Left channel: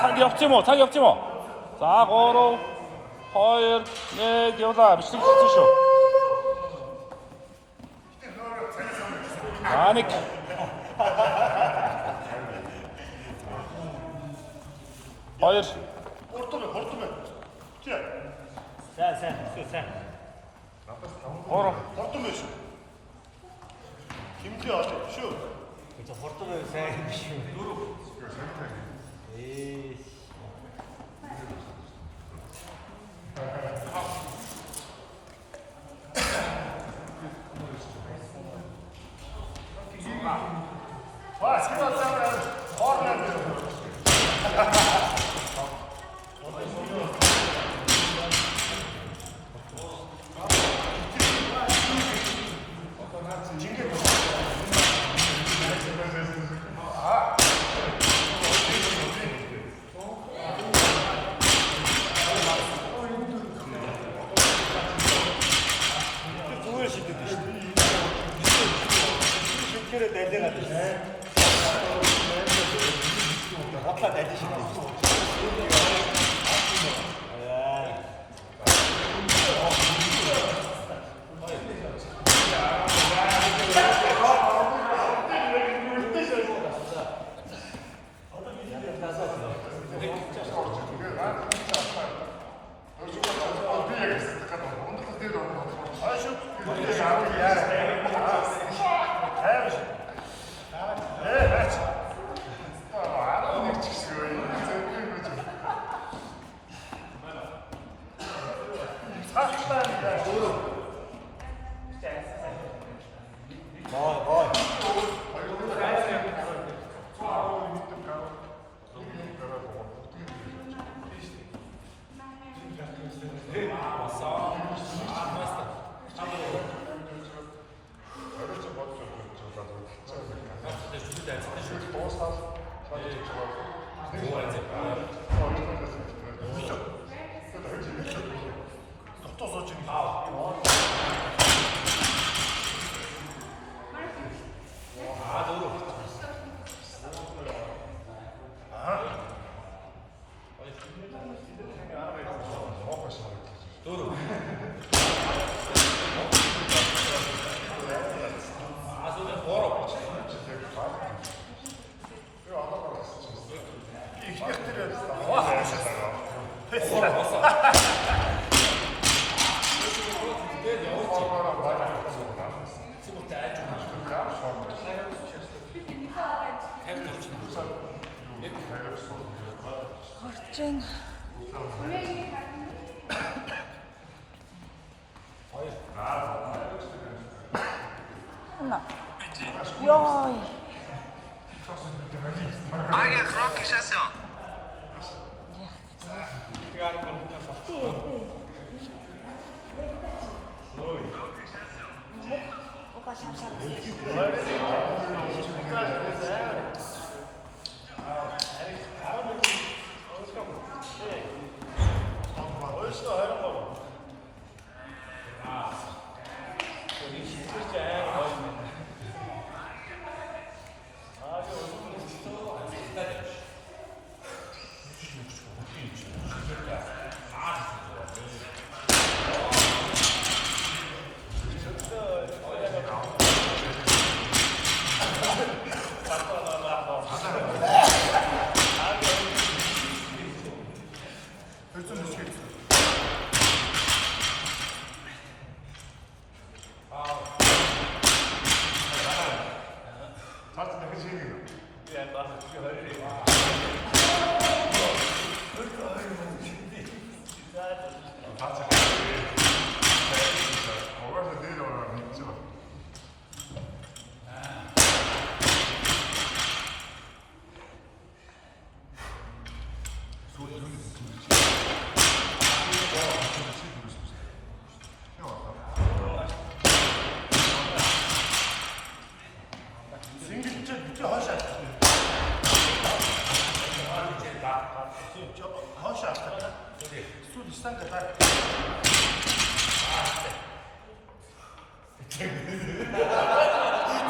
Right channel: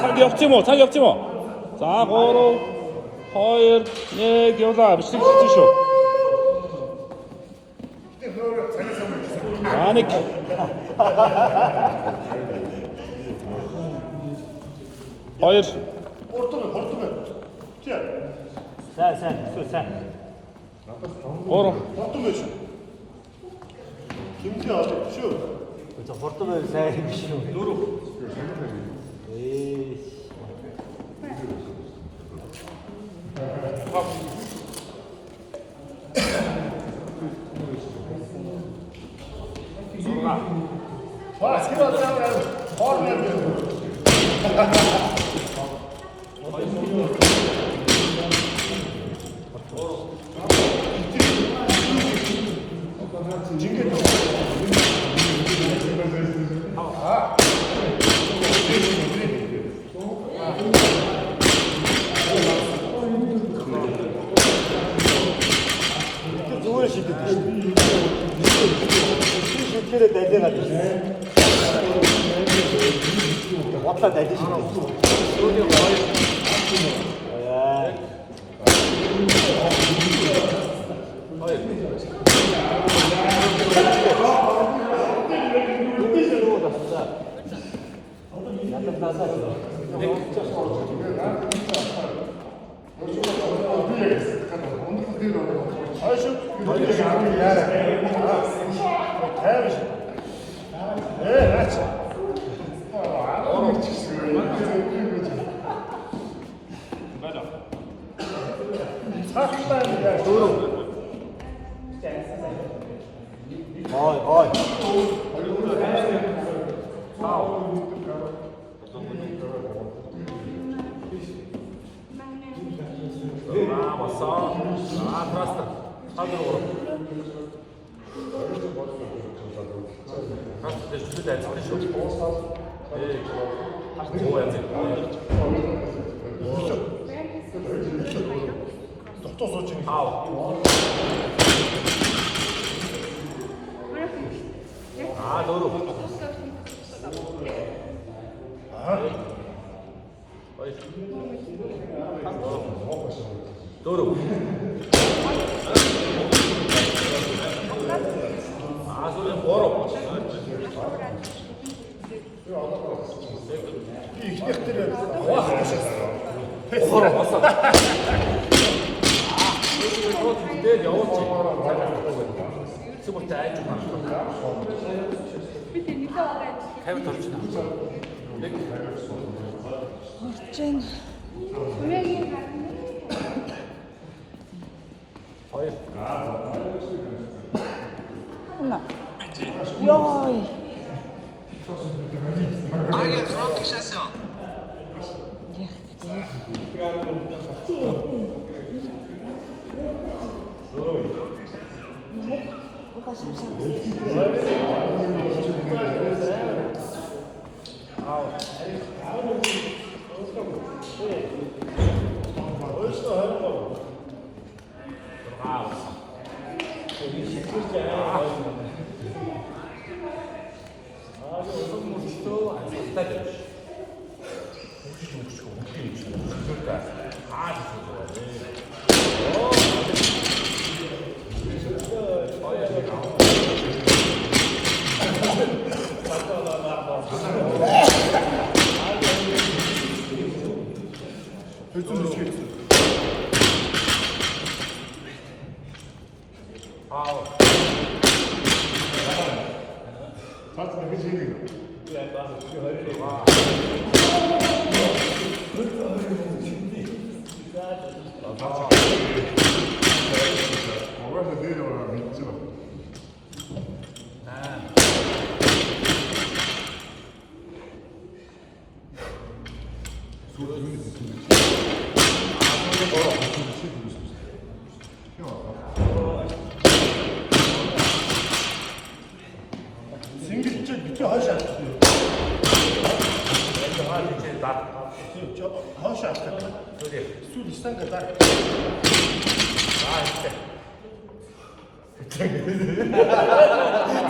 цаг явчих юм уу? Цаг явчих юм уу? За 3 2 1 явлаа. Бичлэг хийсэн шүү. Аник. Хоёр. Хортом. Тий. Сайн. Гурав. Хортом биш. Химтэй олоо шүү. Хортом сайн биш үү? Дөрөв. Ваа, скидаа хоорноо.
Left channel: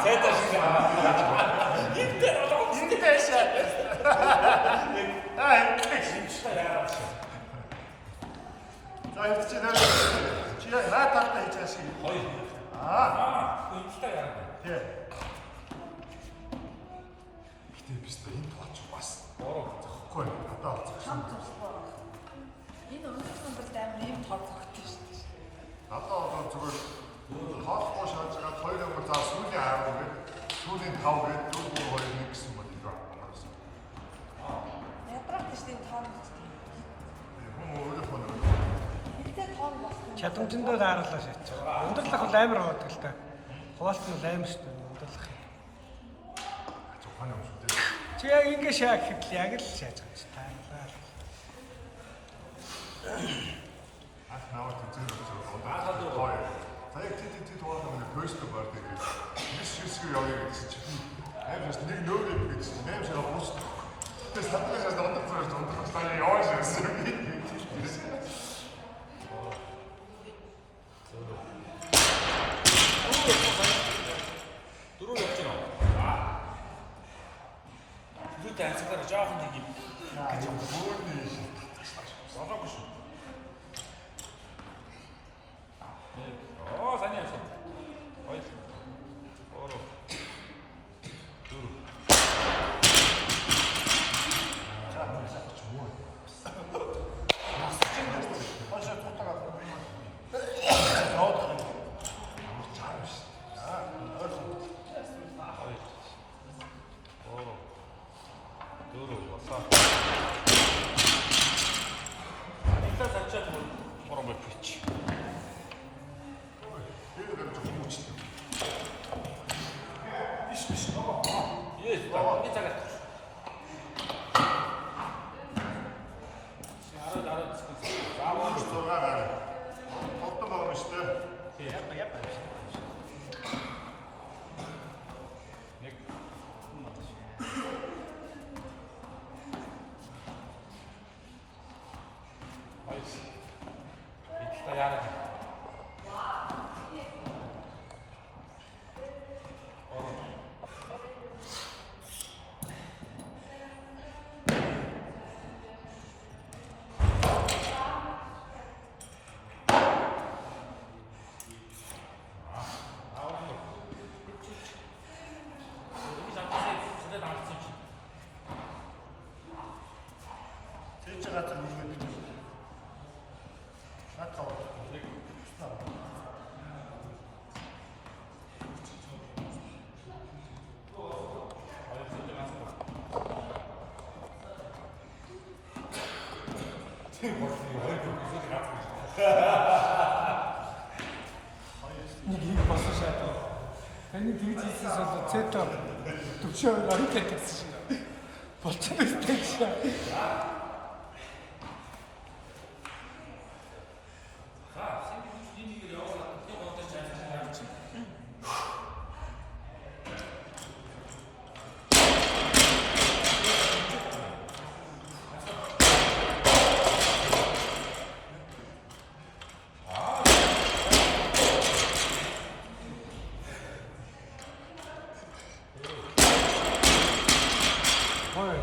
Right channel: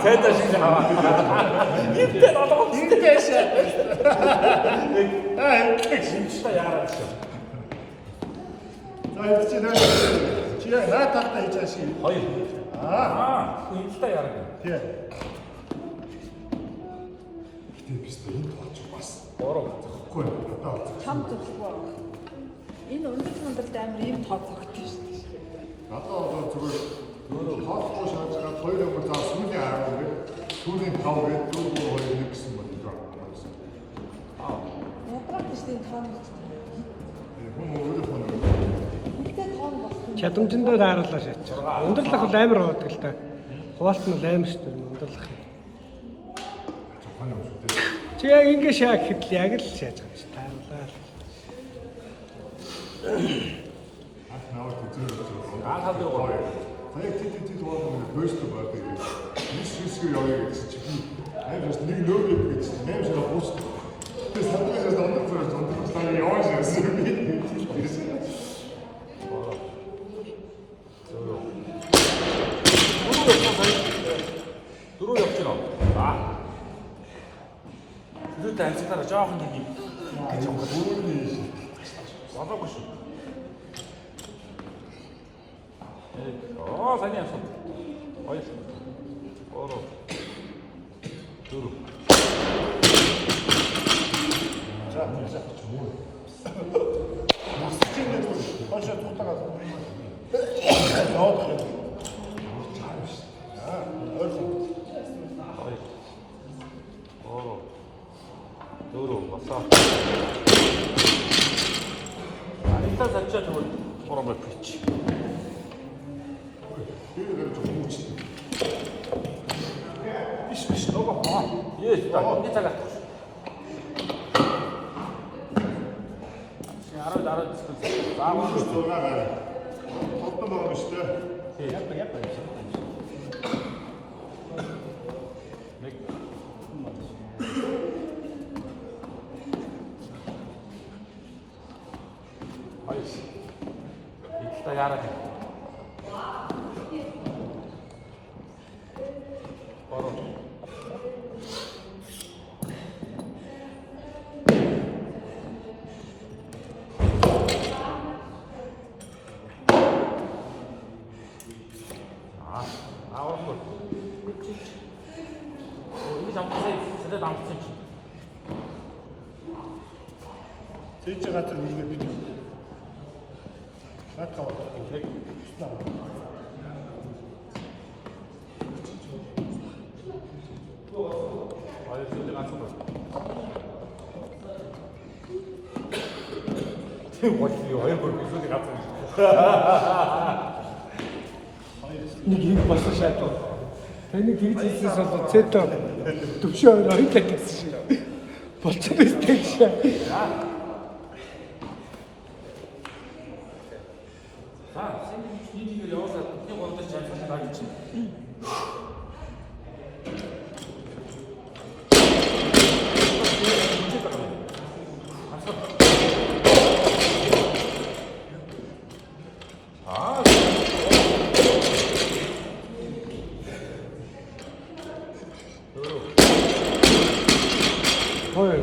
Цайдаа шиг наваа. Интэш. Интэш. Яараа шиг. Чи яг наа тахта хийж ашиг. Хоёр. Аа. Хөөе яараа. Тий. Чам төлөв. Энэ өндөр хандалт амар юм тооцоогдсон шүү дээ. Надад одоо зүгээр хоолой шааж байгаа 2 номер заа сүүлийн 10 гээд сүүлийн 5 гээд дөрөв 2 гэсэн бол нэг байна. Ядраад шүү дээ тоон. Хүн өөрөө Мэдээ тоон болсон. Чадамжиндөө дааруулаа шийдэж байгаа. Ундралах бол амар байдаг л та. Хуваалт нь амар шүү дээ ундралах. Чи яг ингэ шаа гэхэд л яг л шааж байгаа шүү. Наваад үзүүлж байгаа. Сая тийм тоолсон хөөстэй байдаг. Висвисгээр явъя гэсэн чинь амарс нэг нөөрэв гэсэн чинь амарс явуус. Тэр сатаас дондор цаа яваа шээ. Дөрөв явж байна. Дөрөв танилцахаар жоохон нэг юм. Болоогүй шүү. Саний явсан. Хоёр. Ороо. Дөрөв. Хашаа тутагаад. Ноод. Ороо. Дөрөв. Босоо. Илтаа зарчаа зүгээр. Ороо бич. Биш нөгөө. Yes, би цагаа. Араа Амарс дураараа. Хотод байгаа юм шүү дээ. Илтаа яагаад вэ? Тэгж байгаа тэр нэг бич. Накаут. Нэг юм болсон шатаа. Тэнийг хийж хийсээс бол цэто төвшөө хоёр талдсан шүү. Болчихсон биз дээ.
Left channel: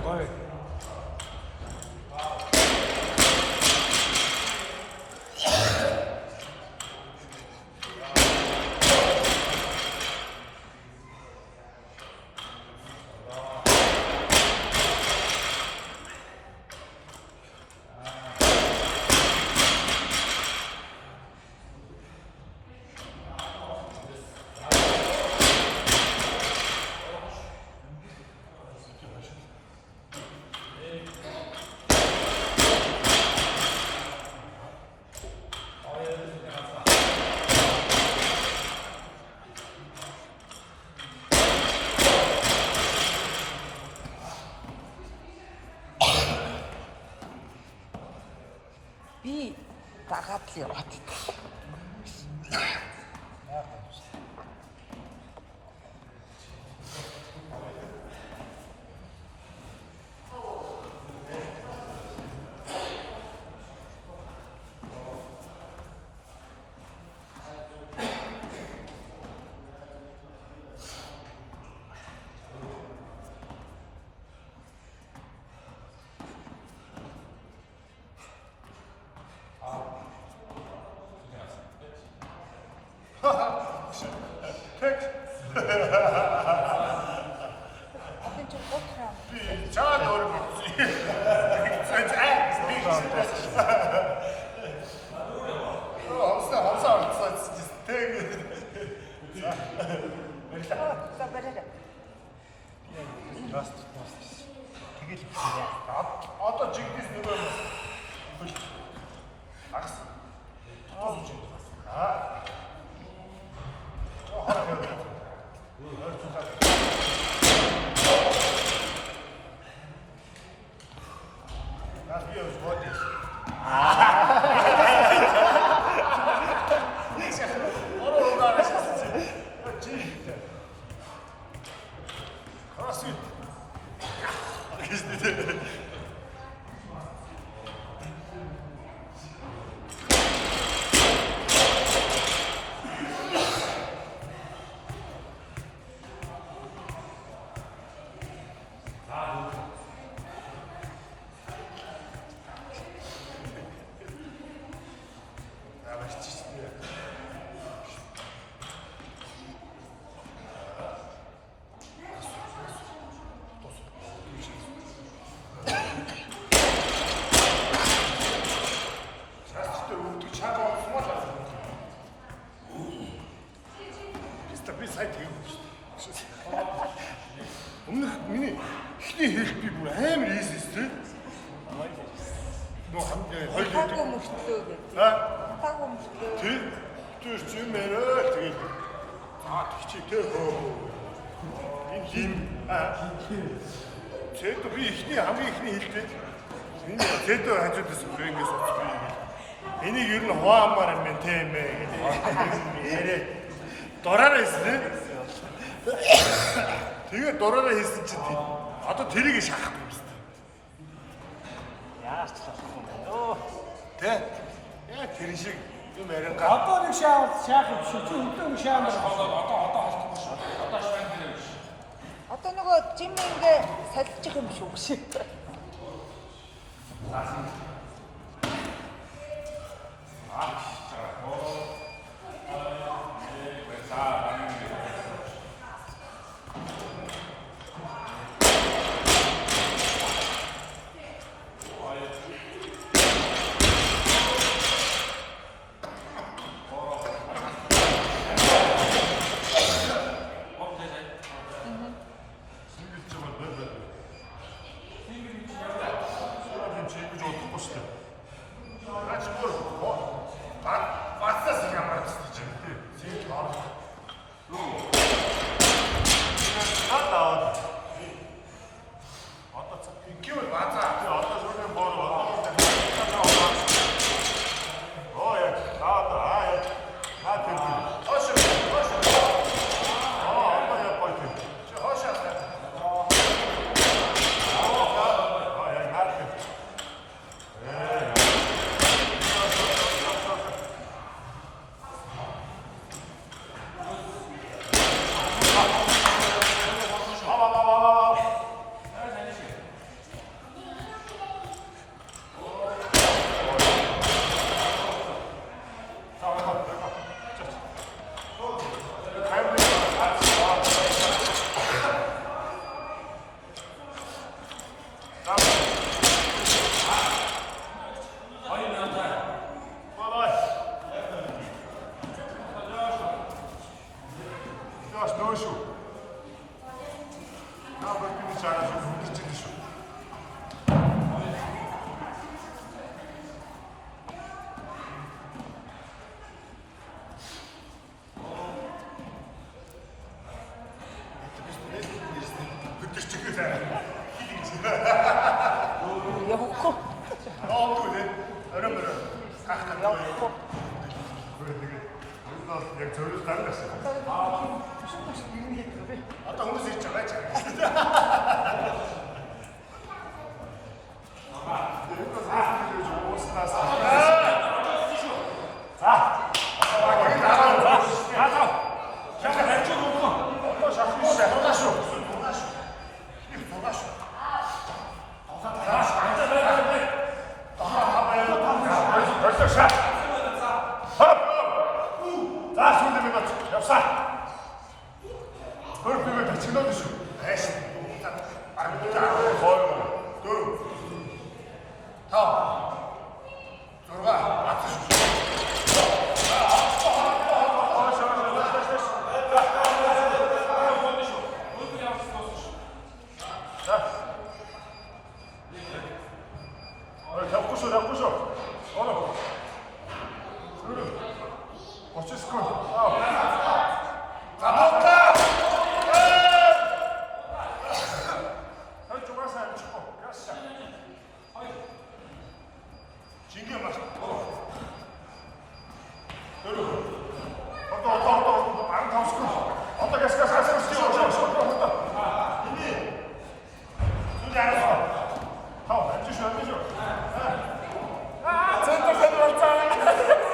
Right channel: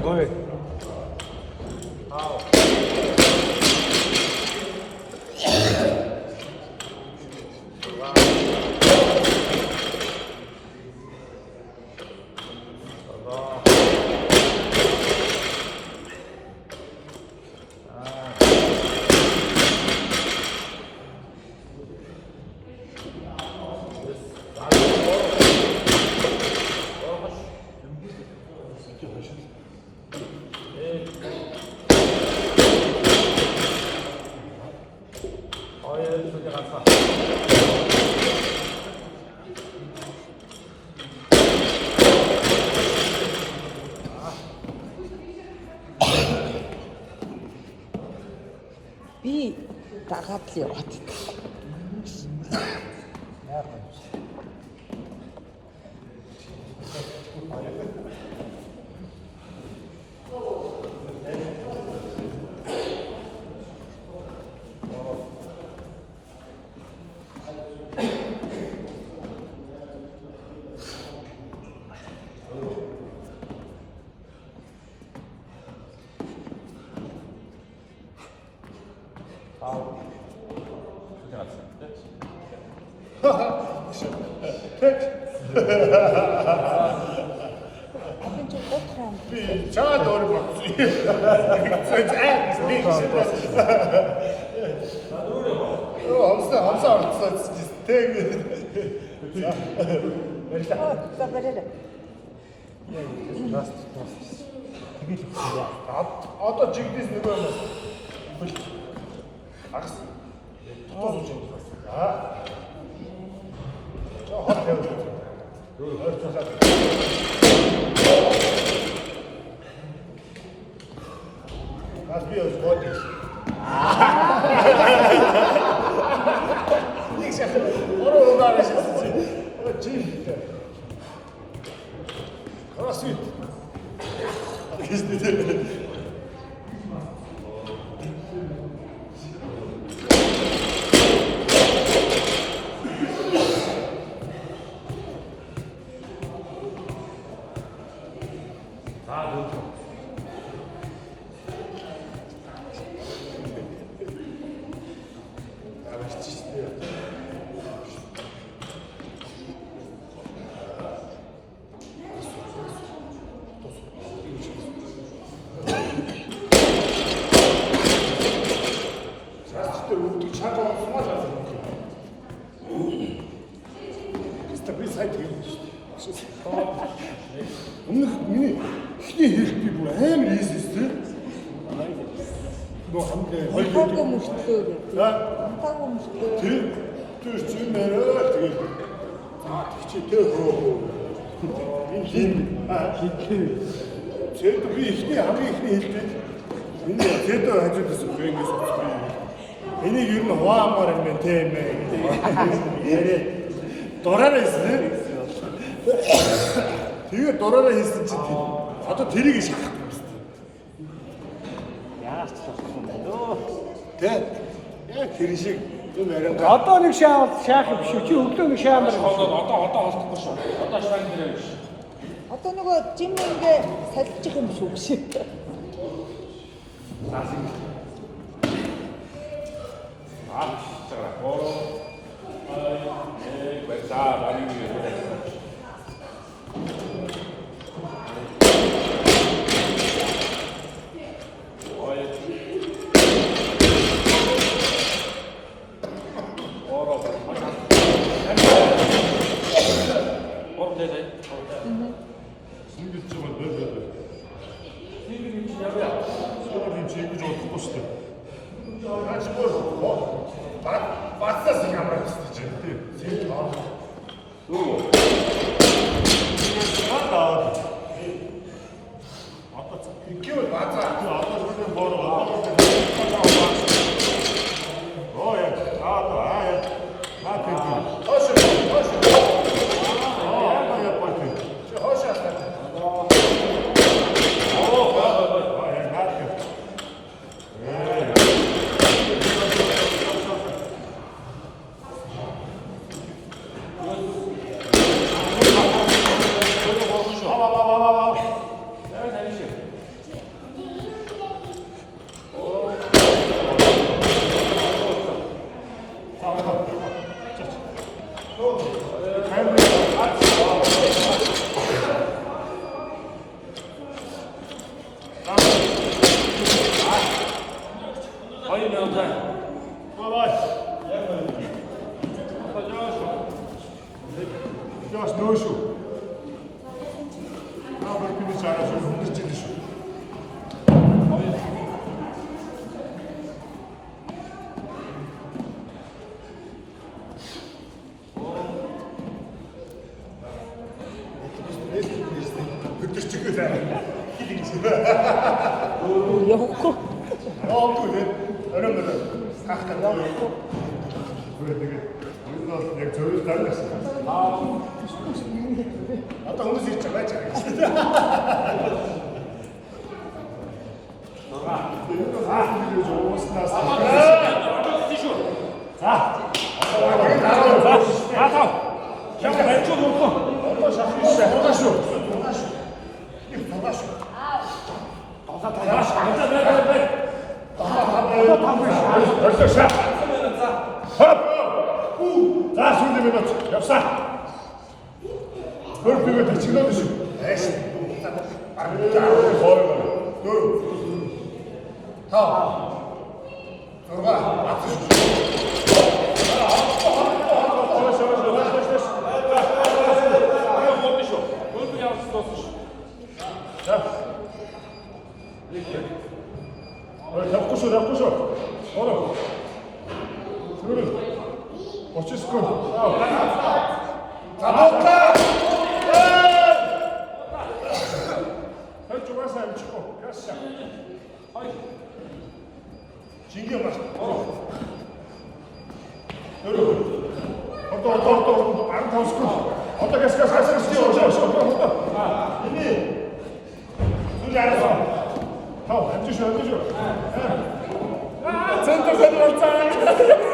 Гой. Би дагаад л яваад. хэн ч готроо. Би чаад өөр юм. Хамсаа тэг. За барай. Одоо жигдээс нэг юм байна. Агс. Тосож юм. Хор явж. Нас би ως водиш. Нixia. Оро удараш. Чи. Аси. Гисдэ. Би сайд хийв шүү дээ. Өмнөх миний ихний хийх би бүр амар хийсэн тийм. Нөө хамт хоёул Мөшөлтөө. Хамтаагүй мөшөлтөө. тийм. Тэр чинь мэрэл тэгээд хичээтэй хөө. Энэ хин Тэд би ихний хамгийн ихний хэлдэг. Миний тэд хажуудаас бүр ингэж би. Энийг ер нь хуваамаар юм байна тийм ээ гэж яриа. Дураараа хийсэн. Тэгээ дураараа хийсэн чи одоо тэрийг шахах юм шүү дээ. Яаж ч болохгүй байна. Тэ. Яг тэр шиг юм яриангаа. Одоо нэг шаах биш үү? Чи өглөө нэг шаамар. Одоо олдохгүй шүү. Одоо шаан дээр биш. Одоо нөгөө жимэнгээ салчих юм шүү биш. Бацаас ямар ч тийм тийм аа. Юу? Аа. Одоо тэгвэл бацаа. Одоо зүгээр боороо. Оо яа. Аа. Аа тийм. Хош. Аа яа пати. Чи хош аа. Одоо хүмүүс ирж байгаа ч юм. За, сүүлийн минут явсаа. 넣어주시. 에이씨. 거울. 둘. 다음. 들어가. 앞서 슛. 잡고쇼. 어려. 둘. 어찌스콘. 가볼까? 혈중 하사 치고. 가시자. 진경 마셔. 여러분. 어떠. 안타운 스콘. 어떻게 스카 사실 스티어. 이미 둘이 알아서. 안 드셔. 전체 세리 왔잖아.